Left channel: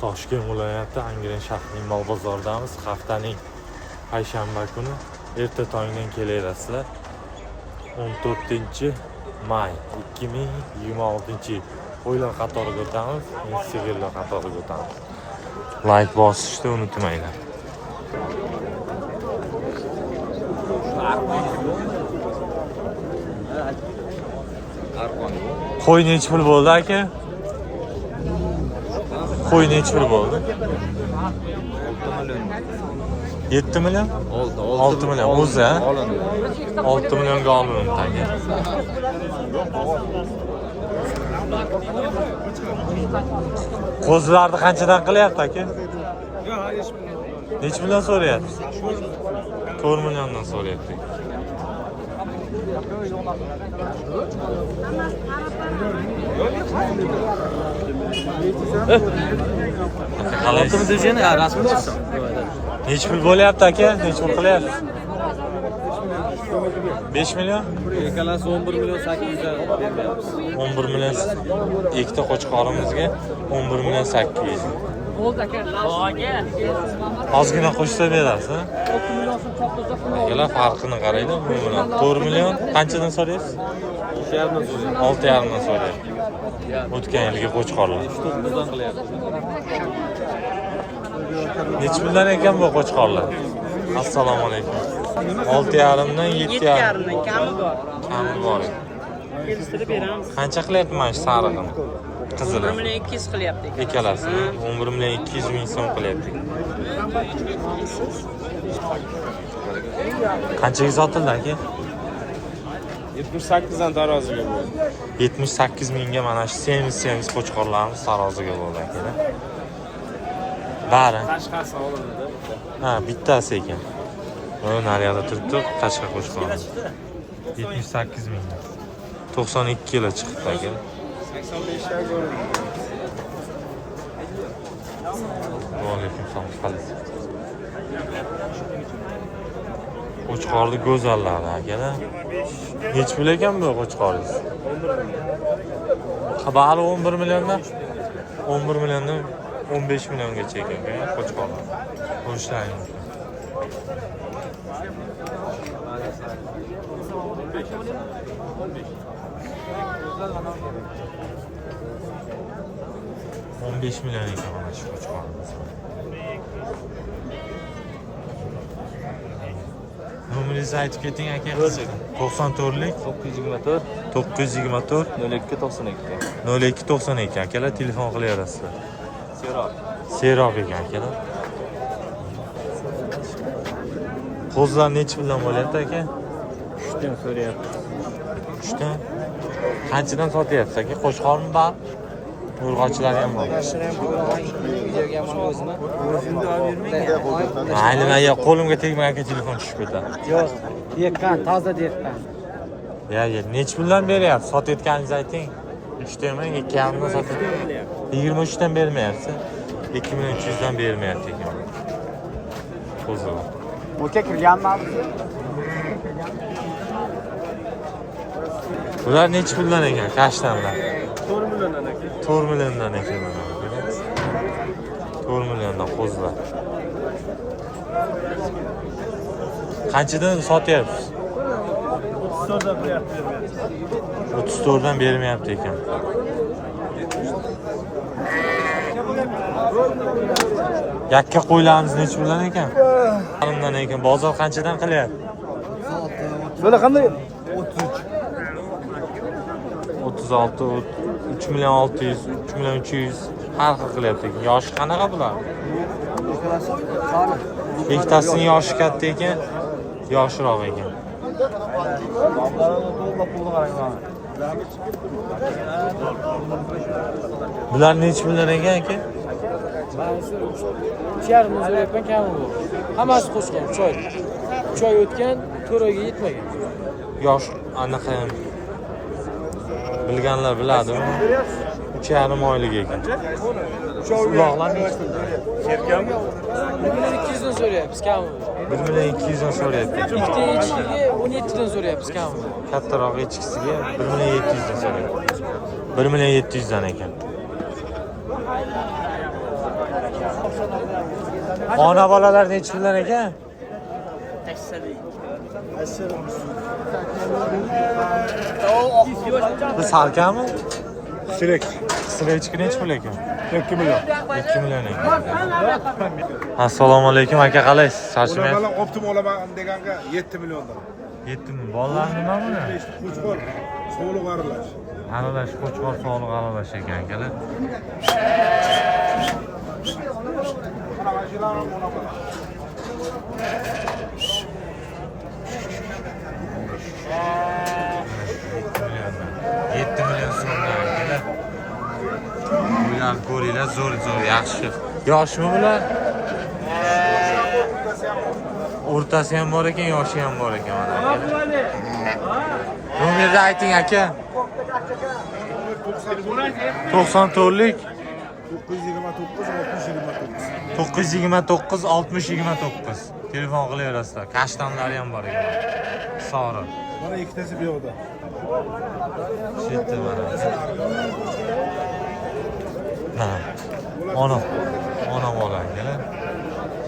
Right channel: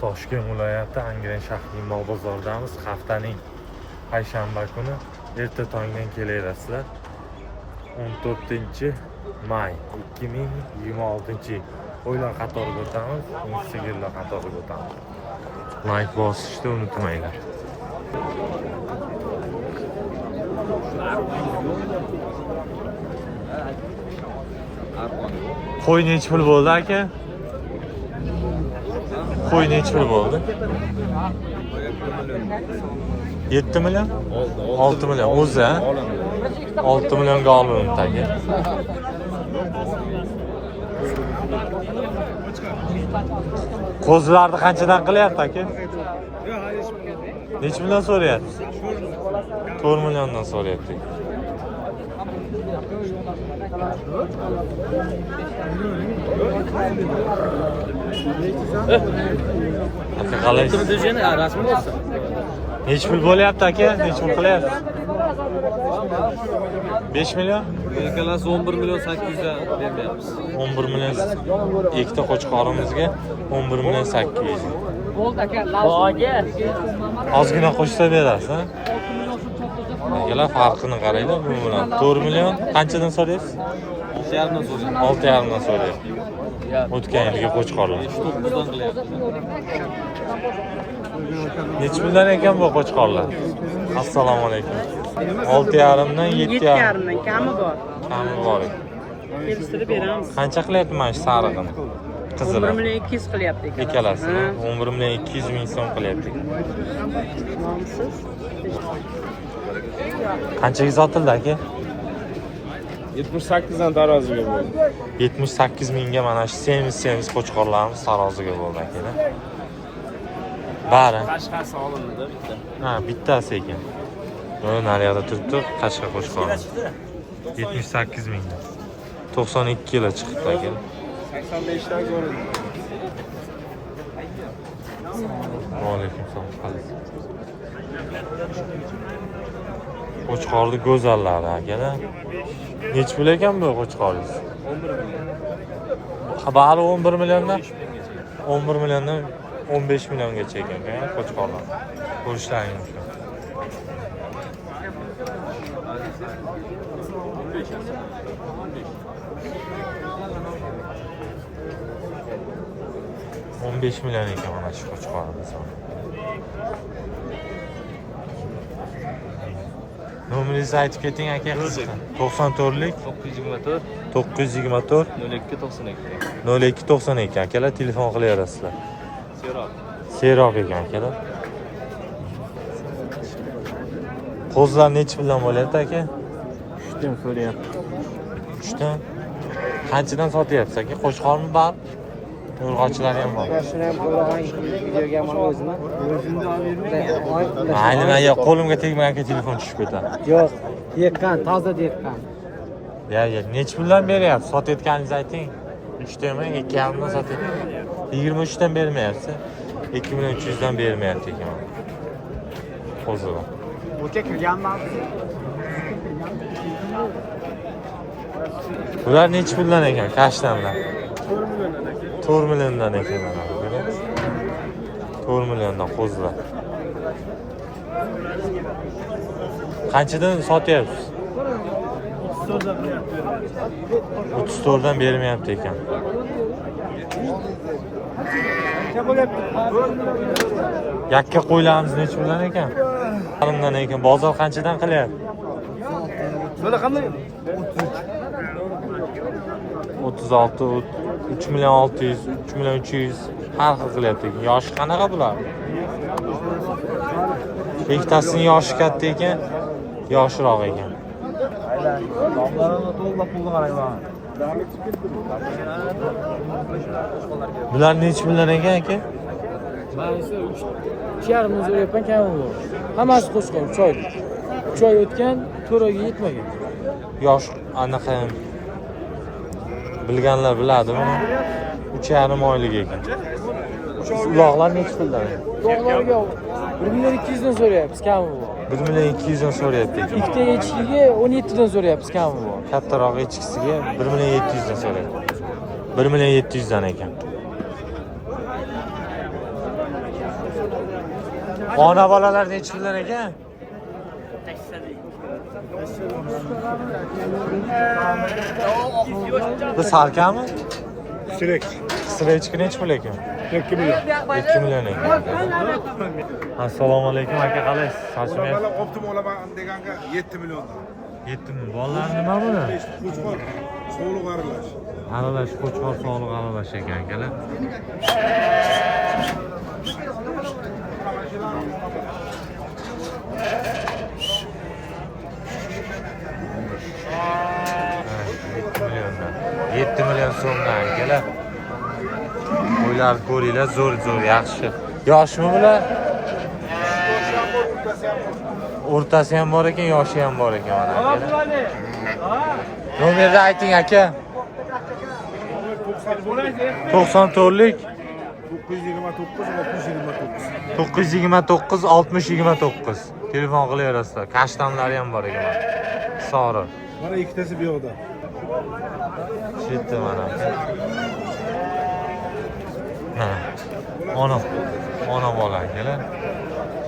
Toshkent viloyati Angren shahrining bog' bozoridamiz. Haftaning payshanba kuni erta tongdan kelaverasizlar. 14-may 2026-yil. Qo'ylar qatoriga o'tamiz, sigirlar qatoriga o'tamiz. Like bosishni unutmanglar. Qo'y necha pul bo'ldi aka? Qo'y necha pul bo'ldi? 7 million? 6 million. O'zi ha? 6 millionga olindi aka. Qo'zilarni qanchadan qilyapti aka? Necha million so'rayapsiz? 4 milliondan so'rayapti. Aka qalaysiz? Necha pul bo'lyapti aka? Necha pul qilyapsiz? 5 million? Ekalasi 11 million 800 ga bermayapmiz. 11 million ikkita qo'chqorimizga 11 million 800. Ozgina qo'shsa berasiz, ha? Akalar farqini qaranglar, bu bilan 4 million qanchadan so'raysiz? 6,5 dan so'rayapti. O'tgan yilgi qo'chqorlar. Necha puldan ekan bu qo'chqorlar? Assalomu alaykum. 6,5 dan 7,5. Kami bor ekan. Qancha qilyapti mana shu sarig'ini? Qizili. 200 qilyapti. Ikkalasini 11 million 200 ming so'm qilyapti. Qanchaga sotildi aka? 78 dan taroziga bo'ldi. 78 mingga mana shu semiz qo'chqorlarimiz taroziga bo'ldi aka. Bari. Tashqarisi olindi. Ha, bittasi ekan. Mana naryoqda turibdi, Qashqa qo'chqori. 78 mingdan. 92 kilo chiqibdi aka. 85 dan ko'rindi. Va alaykum assalom qalaysiz? Qo'chqorni go'zallari akalar. Necha pul ekan bu qo'chqoringiz? 11 million. Bari 11 milliondan 11 milliondan 15 milliongacha ekan qo'chqorlar. Ko'rishlaringiz mumkin. $15 million ekan mana shu qo'chqorimiz. Nomeringizni aytib keting aka. 94lik 924 0292 akalar telefon qilaverasizlar. Seroq ekan akalar. Qo'zlar necha puldan bo'lyapti aka? 3 dan so'rayapti. 3 dan. Qanchadan sotyapsiz aka? Qo'chqormi bor? Urg'ochilar ham bor. O'zimda olib yurmayman. Mayli, men qo'limga tegmay aka telefon tushib ketadi. Yo'q, deqqan, toza deqqan. Ya, necha puldan beryapsiz? Sotayotganingizni ayting. 3 dan emas, 2,5 dan sotyapsiz. 23 dan bermayapsiz. 2,300 dan bermayapti ekan. Qo'zilar. O'cha kirganmi? Bular necha puldan ekan? Kashtanlar. 4 milliondan ekan mana bu. 4 milliondan qo'zilar. Qanchadan sotyapsiz? 34 dan qilyapti. 34 dan bermayapti ekan. Yakka qo'ylarimiz necha puldan ekan? Qarimdan ekan. Bozor qanchadan qilyapti? Bular qanday? 36, 3 million 600, 3 million 300 har xil qilyapti. Yoshi qanaqa bular? Ikkitasining yoshi katta ekan, yoshroq ekan. Bular necha million ekan aka? Mana esa 3,5 ming so'rayapman kami bu. Hammasi qo'shqor, 3 oy. 3 oy o'tgan, 4 oyga yetmagan. Yosh anaqa bilganlar biladi buni. 3,5 oylik ekan. Uloqlar necha puldan? 1 million 200 dan so'rayapmiz kami bu. 1 million 200 dan so'rayapti ekan. Ikkita echkiga 17 dan so'rayapmiz kami bu. Kattaroq echkisiga 1 million 700 dan so'rayapti. 1 million 700 dan ekan. Ona bolalar necha puldan ekan? Bu salkami? Sürekli. Sirechki necha pul ekan? 2 milyon. 2 million ekan. Assalomu alaykum aka, qalaysiz? Charchamayapsiz? Bana optim olaman deganga 7 milyondan. 7 mi? Bolalar nima buni? Qo'chqor, so'g'liq aralash. Aralash, qo'chqor sog'liq aralash ekan akalar. Ha, 7 million so'mdan akalar. Ular ko'ringlar, zo'r, yaxshi. Yoshmi bular? O'rtasi ham bor ekan, yoshi ham bor ekan mana akalar. Nomerni ayting aka. 94lik 929 60 929 telefon qilaverasizlar. Kashtanlari ham bor ekan. Soriq. Bana ikkitasi bu yoqda. Shetda mana. Ha. Ona bola akalar.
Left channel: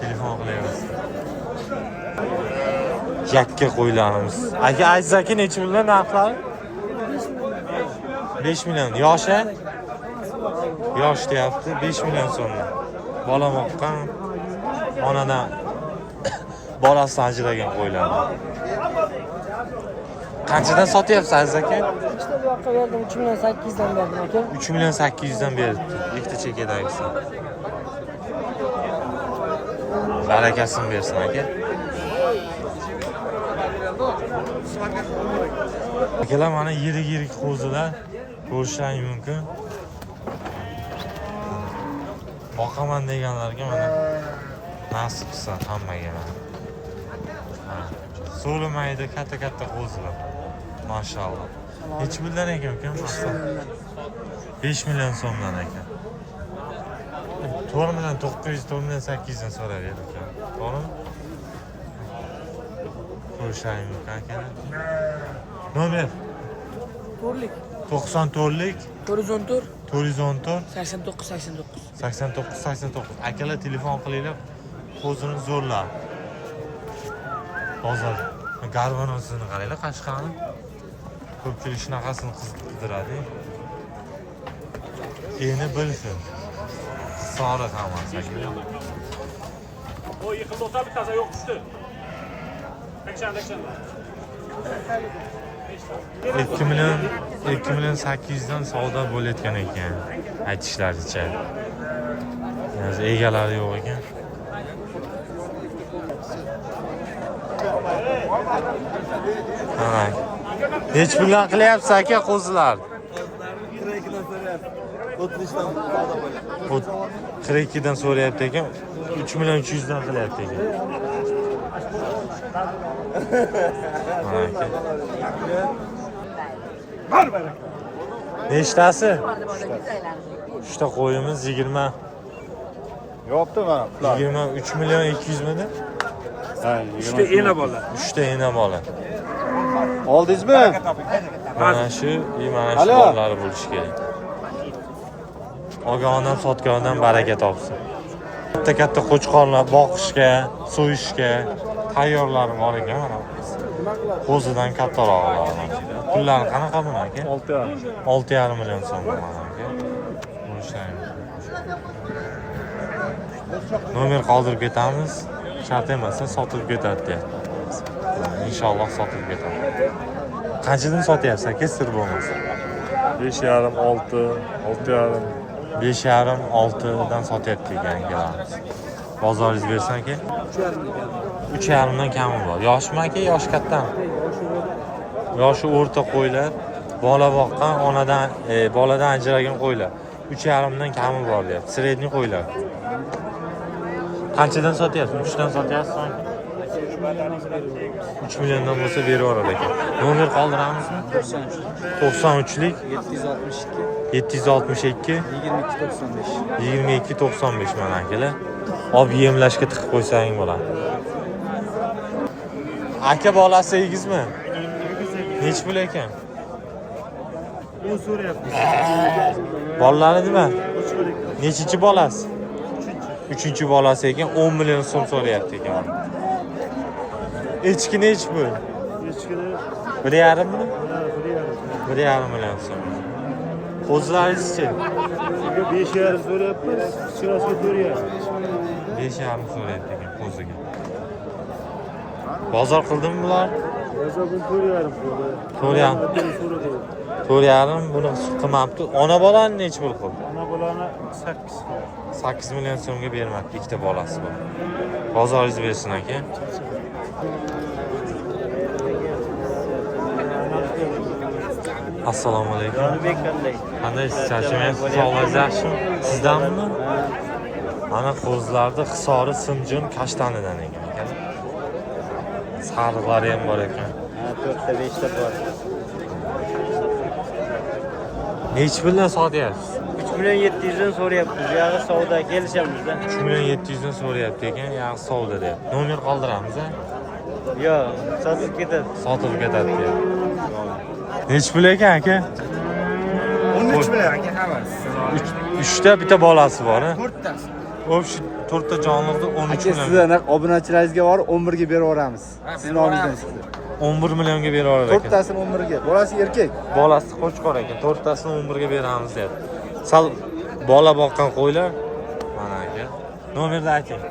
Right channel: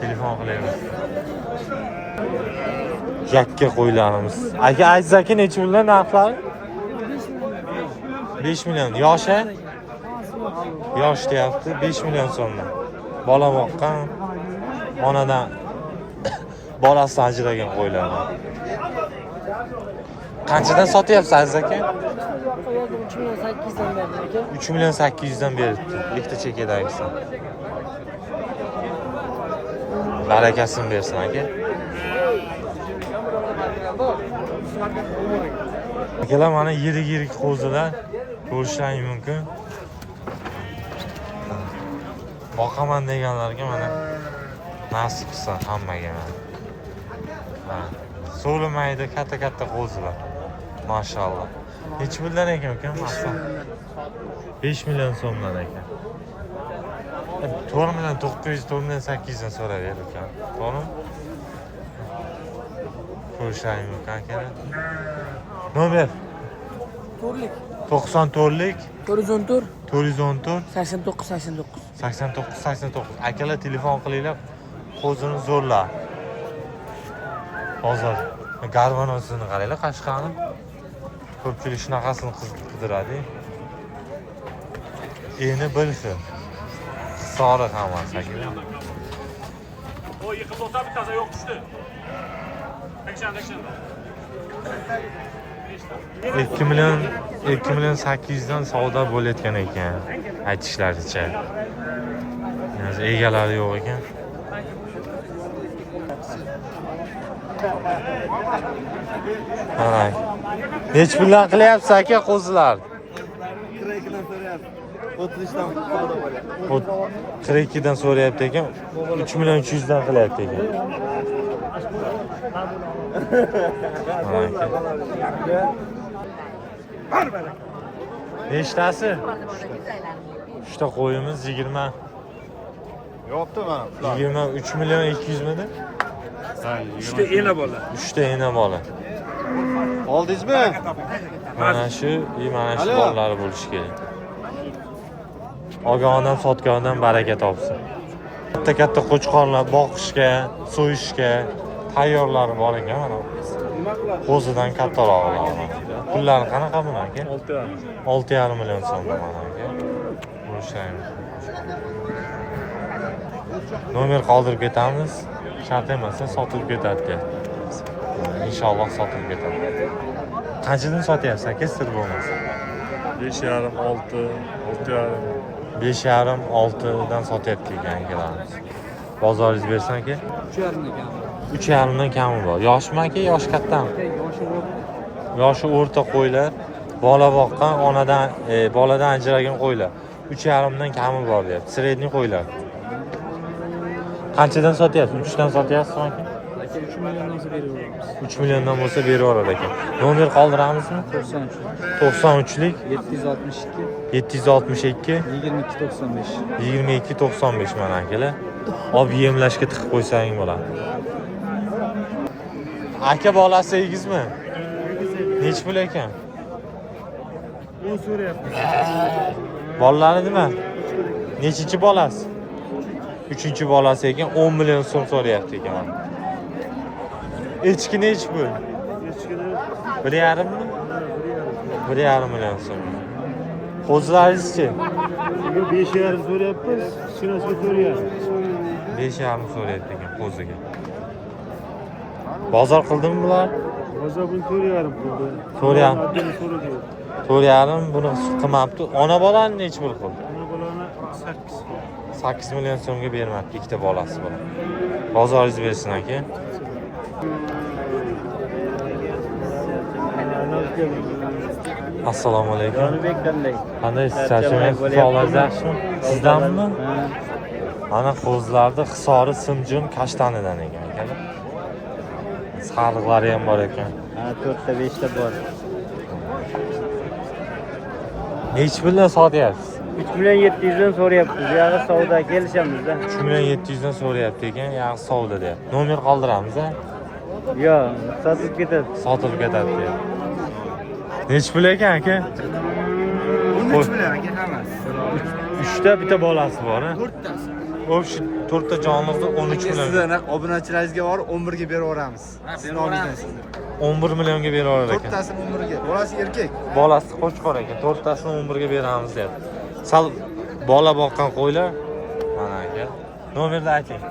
Telefon qilaverasizlar. Yakka qo'ylarimiz. Aka aytsak necha puldan narxlari? 5 million. Yoshi? Yosh deyapti, 5 million so'mdan. Bola boqqan, onadan bolasi ajragan qo'ylar. Qanchadan sotyapsiz aziz aka? 3 million 800 dan beribdi. Ikkita chekadagisi. Barakasini bersin aka. Akalar mana yirik qo'zilar ko'rishingiz mumkin. Boqaman deganlarga mana nasib qilsa hammaga mana. Ha, so'limaydi katta qo'zilar. Mashalloh. Necha puldan ekan uka? Aslan. 5 million so'mdan ekan. 4 million 900, 4 million 800 dan so'rayapti uka. To'g'rimi? Ko'rishingiz mumkin akalar. Nomer 94lik 414 89. Akalar telefon qilinglar. Qo'zini zo'rlar. Hozir garvanosini qaranglar, Qashqarni. Ko'pchilik shunaqasini qidiradi. Endi bilsin. Soriq hammasi akalar. O yıkıldı olsa bir kaza yok düştü. Ekşen. 2 million 800 dan savdo bo'layotgan ekan aytishlaricha. Ya'ni egalari yo'q ekan. Qarang. Nech puldan qilyapsiz aka qo'zilar? 42 dan so'rayapti. 30 dan savdo bo'ladi. 42 dan so'rayapti ekan. 3 million 300 dan qilyapti ekan. Mana aka. Nechtasi? Uchta qo'yimiz 20. Yo'qdi mana. 23 million 200 mini? Ha, 3ta ena bola. 3ta ena bola. Oldingizmi? Mana shu bolalar bo'lishi kerak. Olgan odam sotgan odam baraka topsin. Katta qo'chqorlar boqishga, so'yishga tayyorlari bor ekan mana. Qo'zidan kattarog'lari mana. Pullari qanaqa buni aka? 6,5 million so'mdan mana aka. Bo'lishaymi. Nomer qoldirib ketamiz. Shart emas, sotib ketadi deyapti. Inshaalloh sotib ketadi. Qanchadan sotyapsiz aka, sir bo'lmasa? 5,5 6,5 5,5 dan sotyapti yangilarimiz. Bozoringiz bersin aka. 3,5 dan kami bor. Yoshmi aka, yosh kattami? Yoshi o'rta qo'ylar, bola boqqan, boladan ajragan qo'ylar. 3,5 dan kami bor deyapti. Sredniy qo'ylar. Qanchadan sotyapsiz? 3 dan sotyapsizmi aka? 3 milliondan bo'lsa berib yuboradi ekan. Nomer qoldiramizmi? 93lik 762 2295 mana akalar. Olib yemlashga tiqib qo'ysang bo'ladi. Aka bolasi egizmi? Nech pul ekan? U so'rayapti. Bolalari nima? Nechinchi bolasi? Uchinchi bolasi ekan 10 million so'm so'rayapti ekan. Echki nech bu? Echkini 1,5 mi? 1,5 million so'm. Qo'zlaringizchi? 5,5 so'rayapmiz. Kichkinasiga 4,5. 5,5 so'rayapti ekan qo'ziga. Bozor qildimi bular? O'zi buni 4,5 qildi. 4,5. 4,5 buni qilmabdi. Ona bolani necha pul qildi? Ana bularni 8. 8 million so'mga bermabdi ikkita bolasi bor. Bozoringiz bersin aka. Assalomu alaykum. Qandaysiz? Charchamayapsiz? Sog'lig'ingiz yaxshimi? Sizdanmi? Ana qo'zlarni hisori simjim kashtanidan ekan akalar. Sariqlari ham bor ekan. 4ta 5ta bor. Nechi puldan sotyapsiz? 3 million 700 dan so'rayapti. Bu yog'i savdo kelishamizda. 3 million 700 dan so'rayapti ekan, yog'i savdo deyapti. Nomer qoldiramiz a? Yo'q, sotib ketadi. Sotilib ketadi deyapti. Nechi pul ekan aka? 13 million aka hammasi. 3ta bitta bolasi bor a? 4tasi. O shu 4ta jonliqni 13 million. Sizlarni obunachilaringizga borib 11 ga berib yuboramiz. Sizni oldingizdan sizga. 11 millionga berib yurar ekan. 4tasini 11 ga. Bolasi erkak. Bolasi qo'chqor ekan. 4tasini 11 ga beramiz deyapti. Sal bola boqqan qo'ylar. Mana aka. Nomerni ayting.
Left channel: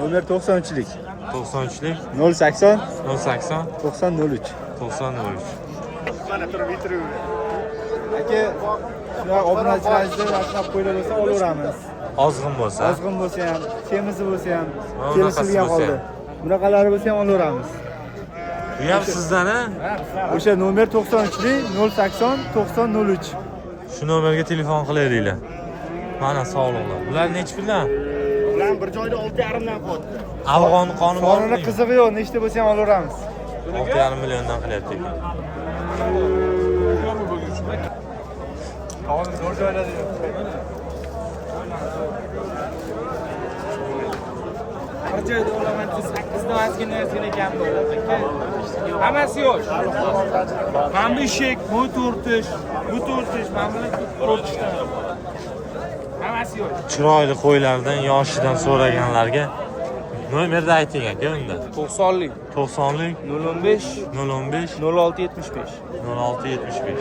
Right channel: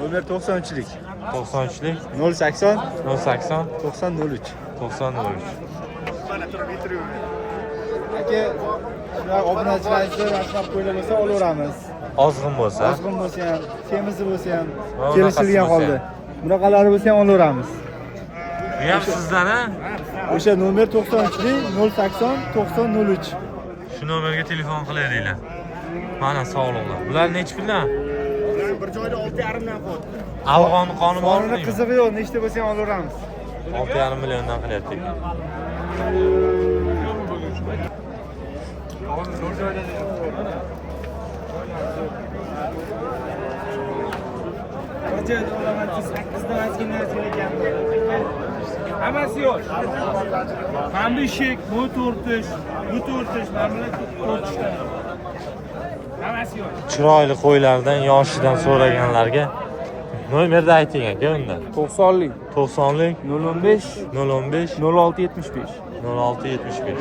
Nomer 93lik. 93lik 080 080 9003. 9003. Aka, shular obunachilaringizni mashinab qo'ylar bo'lsa olaveramiz. Ozg'in bo'lsa, Ozg'in bo'lsa ham, semizi bo'lsa ham, Ha, kelishilgan unaqasi bo'lsa holda. Bunaqalari bo'lsa ham olaveramiz. bu ham sizdan a? O'sha nomer 93lik 080 9003. Shu nomerga telefon qilayliklar. Mana sog'liqlar. Bular nechi puldan? Ular bir joyda 6,5 dan qoldi. Afg'on qoni Qonuni bormi? qizig'i yo'q, nechta bo'lsa ham olaveramiz. 6,5 milliondan qilyapti ekan. Bir joyda olaman 8 ta ozgina ekan bo'ladi. Hammasi yo'q. Mana bu eshik, bu 4 bu 4 mana bular 4 ta. Hammasi yo'q. Chiroyli qo'ylardan, yoshidan so'raganlarga nomerni ayting aka unda. 90lik 90lik 015 015 0675. 0675.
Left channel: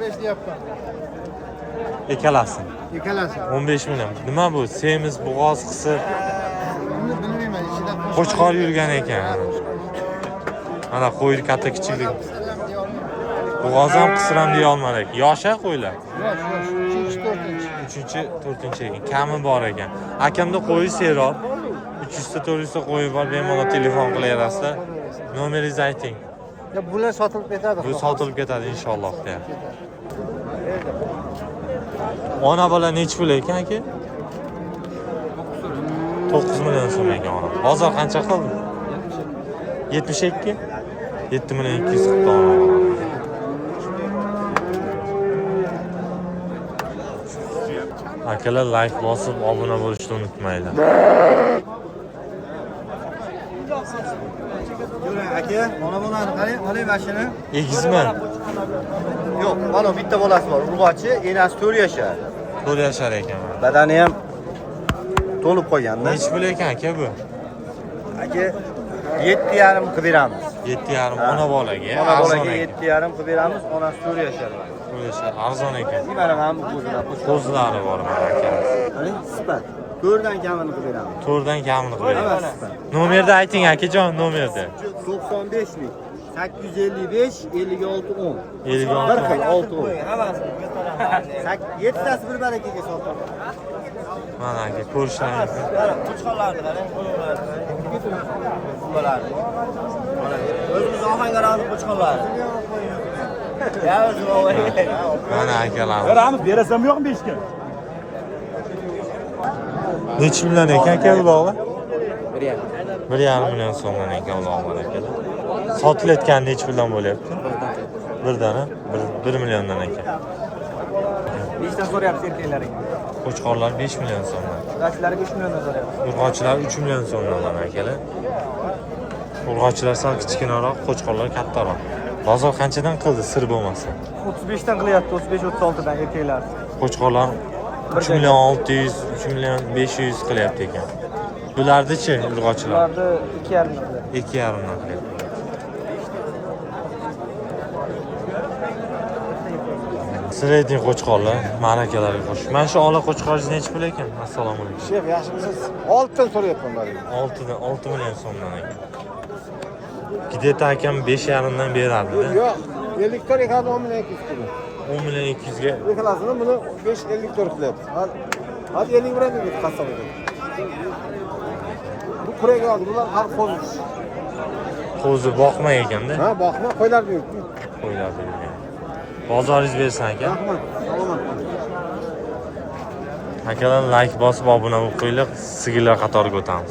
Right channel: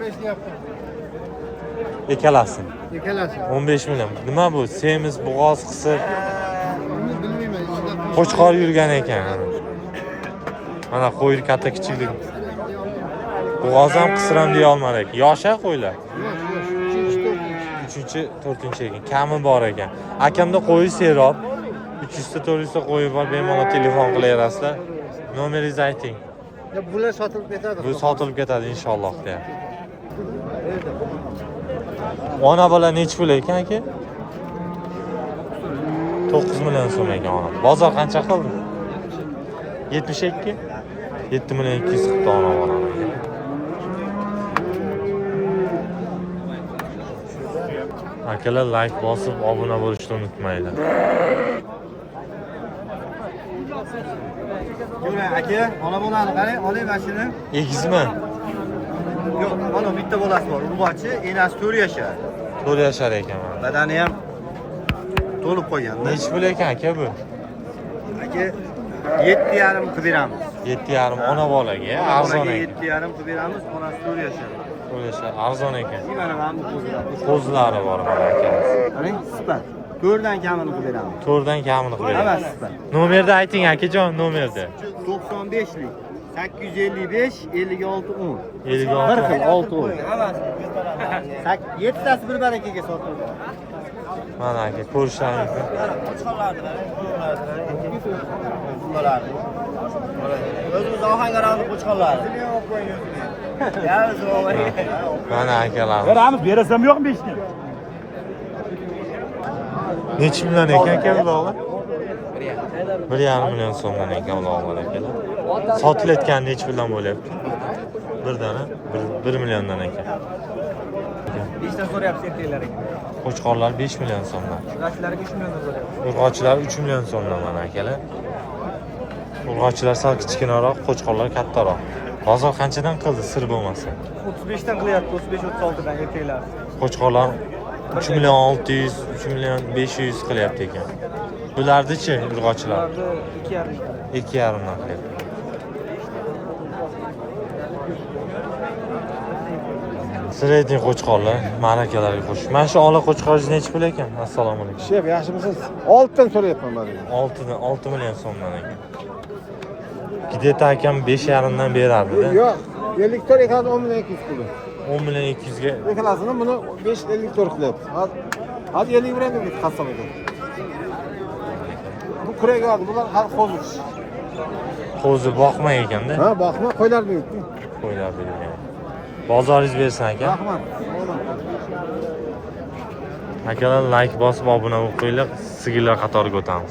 15 deyapman. Ekalasi. Ekalasi. 15 million. Nima bu? Semiz, bo'g'oz qisib, Buni bilmayman, ichida qo'chqor yurgan ekan. Mana qo'y katta kichiklik. Bo'g'oz ham qisir ham deya olmadik. Yosha qo'ylar. yo'q, 3-chi, 4-chi ekan. Kami bor ekan. Akamda qo'yi serob. 300 ta 400 ta qo'yi bor. Bemalol telefon qilaverasizlar. Nomeringizni ayting. Bular sotilib ketadi. Bu sotilib ketadi inshaalloh deyapti. Ona bola nechi pul ekan aka? 9 million so'm ekan ona. Bozor qancha qildi? 72? 7 million 200 qildi ona bola ekan. Akalar like bosib, obuna bo'lishni unutmanglar. Yo'q, aka, mana bolani qarang, oling mashina. Egizmi? Yo'q, mana bitta bolasi bor. Urg'ochi, enasi 4 yashar. 4 yashar ekan mana. Badani ham to'lib qolganda. Nechi pul ekan aka bu? Aka, 7,5 qilib beramiz. 7,5 ona bolaga, arzon ekan. 7,5 qilib beramiz, onasi 4 yashar. 4 yashar, arzon ekan. Mana bu qo'zilar. Qo'zlari bor mana akamiz. Qarang, sifat. 4dan kamini qilib beramiz. 4dan kamini qilib. Nomerni ayting akajon, nomerni. 95lik 855 56 10. 56 6 7tasi bir barakaga sotildi. Mana aka ko'rishlaringiz. O'zimiz Ohangaronlik qo'chqonlari. Mana akalar. Beramiz, berasam yo'qmi 5 ga? Necha million ekan aka uloqlar? 1,5 million so'mdan ekan uloqlar akalar. Sotilayotgan necha puldan bo'lyapti? Birdana 1 milliondan ekan. 5 ta so'rayapsiz erkaklaring. Qo'chqorlar 5 million so'mdan. Yoshlarga 3 million so'rayapsiz. Urg'ochilar 3 million so'mdan mana akalar. Urg'ochilar sal kichkinaroq, qo'chqorlar kattaroq. Bozor qanchadan qildi sir bo'lmasa? 35 dan qilyapti, 35-36 dan erkaklar. Qo'chqorlar 3 million 600, 3 million 500 qilyapti ekan. Bularni-chi, urg'ochilar? Bularni 2,5 2,5 dan qilyapti. Sredniy qo'chqorlar, ma'rakalarga qo'sh. Mana shu ola qo'chqoringiz necha pul ekan? Assalomu alaykum. Shef, yaxshimisiz? 6 dan so'rayapman men. 6 million so'mdan ekan. Gideta akam 5,5 dan berardi-da. Yo'q, 50 tor ekan 10 million 200 puli. 10 million 200 ga Eklasini buni 5-50 tor qilyapti. Hadi 50 bilan ketdi qassob ekan. Bu kurega bak, bular har qo'zish. qo'zi boqmay ekanda. Ha, boqma, qo'ylar beribdi. Qo'ylar bergan. Bozoringiz bersin aka. Rahmat. Salomat. Akalar like bosib obuna bo'lib qo'yinglar, sigirlar qatoriga o'tamiz.